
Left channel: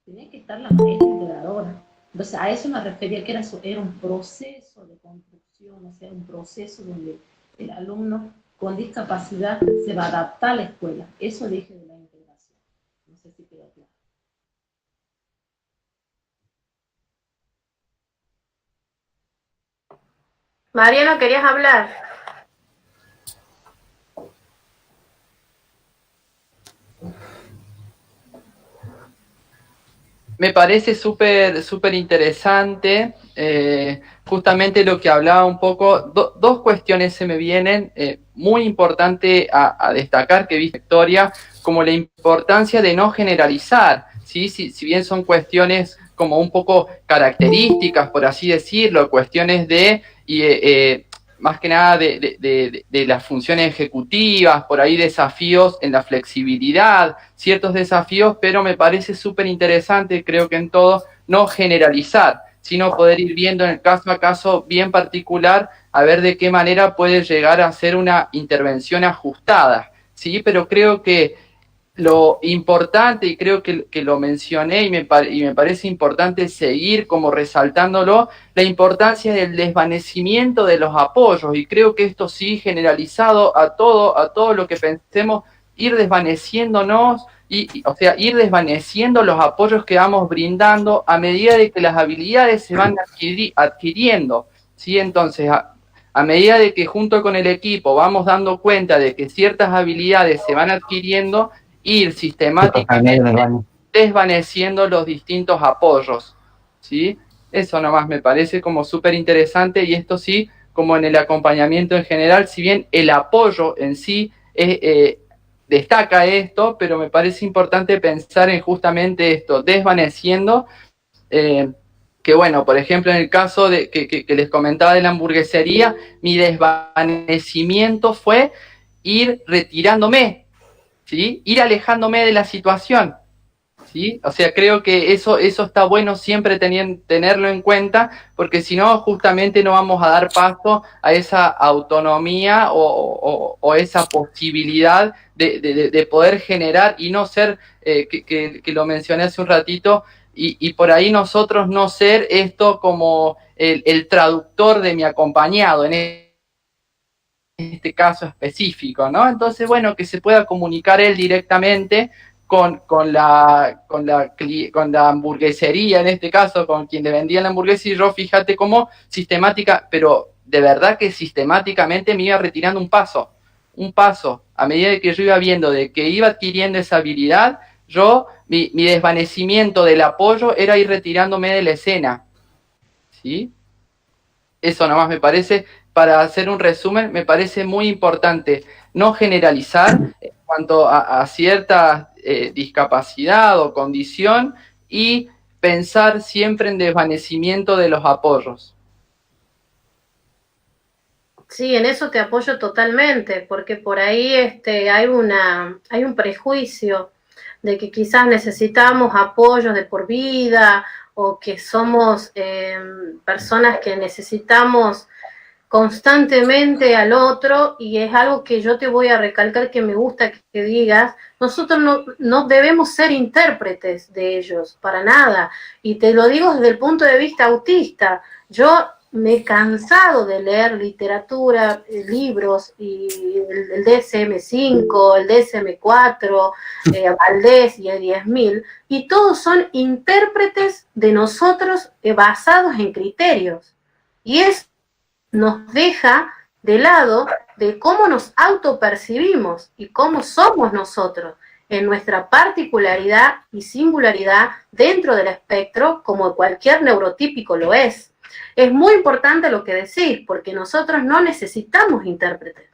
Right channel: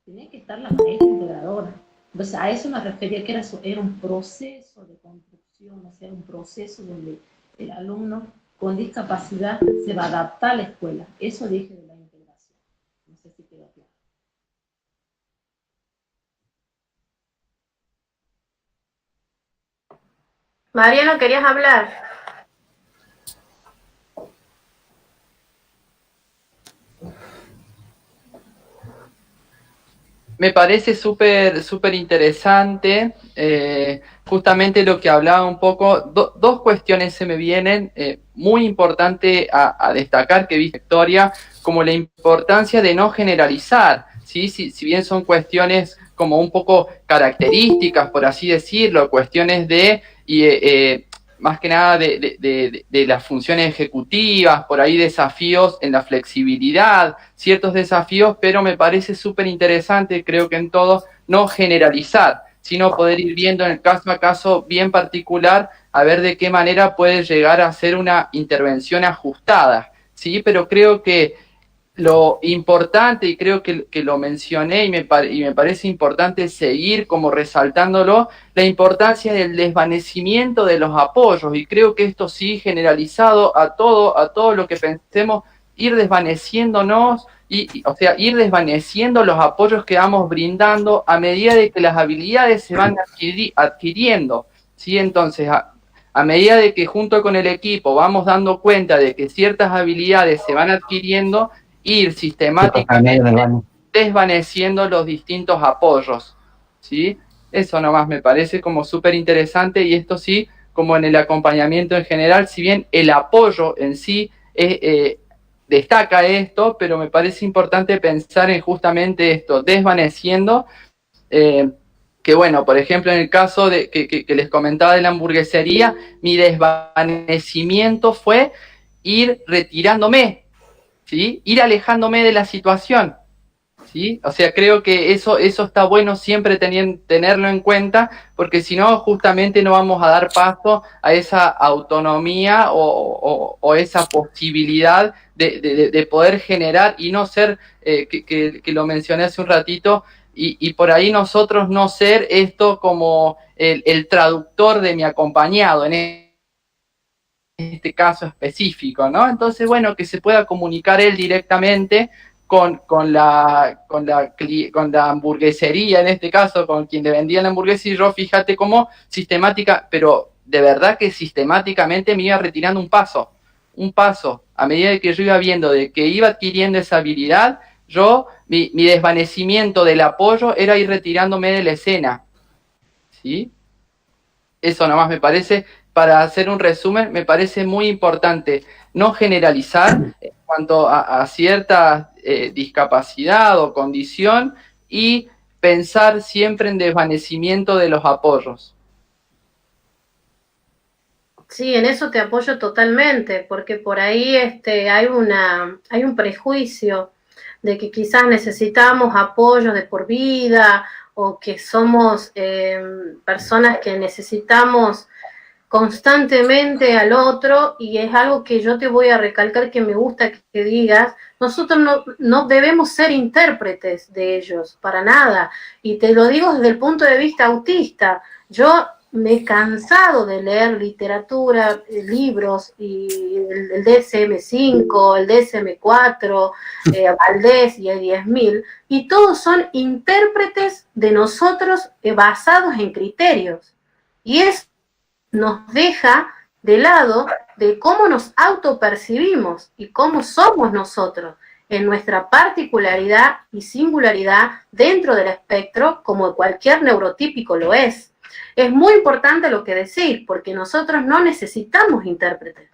tenía que estar la maestra integradora. Entonces a eso me refería, que era un proceso de construcción, o sea, un proceso donde el alumno con discapacidad se va a adaptar a la escuela. Eso dije de la integración. No sé si quedó claro. Mariano, ¿querías hablar? Me parece súper interesante, justamente lo que hablaba un poco, dos cuestiones se me vienen, muy importante a destacar que vi Victoria, como la importancia de no generalizar, ¿sí? Si bien son cuestiones como un poco características, por así decirlo, cuestiones de... más que nada de las funciones ejecutivas, por ahí desafíos en la flexibilidad, ciertos desafíos, pero me parece súper interesante, creo que en todo, no generalizar, sino poder ir viendo en el caso a caso bien particular, a ver de qué manera puede llegar a ser una intervención ajustada, ¿sí? Pero creo que lo importante, y creo que lo mencioné y me parece importante seguir como resaltándolo, la importancia del desvanecimiento de los apoyos, y creo que esto sí generalizado a todo lo que pensemos, ir desvaneciéndonos, o sea, ir desvaneciendo los apoyos que vamos brindando a medida de que las habilidades se van adquiriendo, ¿sí? Entonces, a medida de que junto con el equipo vamos dando cuenta de que ciertas habilidades se van adquiriendo, ir sistemáticamente desvaneciendo los distintos apoyos, ¿sí? Eso nomás me parece como súper interesante, y esto sí, como en el acompañamiento en general, si bien el apoyo en sí destaca esto, pero me parece importante pensar en justamente esto, desvaneciendo, que bueno, por ejemplo, en el caso de que les comentaba de la hamburguesería, mi desvanecimiento fue ir retirándome, ¿sí? Ir alejándome de la situación, ¿sí? O sea, creo que eso está bueno siempre tenerlo en cuenta, porque si no, justamente no vamos a dar paso a esa autonomía o esa posibilidad de poder generar y no ser, que lo mencioné hace un ratito, y por ahí nosotros no ser esto como el traductor de mi acompañado en este caso específico, ¿no? Entonces, bueno, que se pueda comunicar él directamente con la hamburguesería, en este caso, con quien le vendía la hamburguesa, y yo, fíjate cómo sistemática, pero de verdad que sistemáticamente me iba retirando un paso, a medida de que yo iba viendo de que iba adquiriendo esa habilidad, mi desvanecimiento del apoyo era ir retirándome de la escena, ¿sí? Eso nomás me parece, para hacer un resumen, me parece muy importante no generalizar en cuanto a cierta discapacidad o condición, y pensar siempre en desvanecimiento de los apoyos. Sí, en eso te apoyo totalmente, porque por ahí hay un prejuicio de que quizás necesitamos apoyo de por vida, o que somos personas que necesitamos constantemente al otro, y es algo que yo te voy a recalcar, que me gusta que digas, nosotros no debemos ser intérpretes de ellos, para nada, y te lo digo desde el punto de vista autista. Yo me he cansado de leer literatura, libros, y el DSM-5, el DSM-4, Valdés y el 10.000, y todos son intérpretes de nosotros basados en criterios, y es nos deja de lado de cómo nos autopercibimos y cómo somos nosotros en nuestra particularidad y singularidad dentro del espectro, como cualquier neurotípico lo es. Es muy importante lo que decís, porque nosotros no necesitamos intérpretes.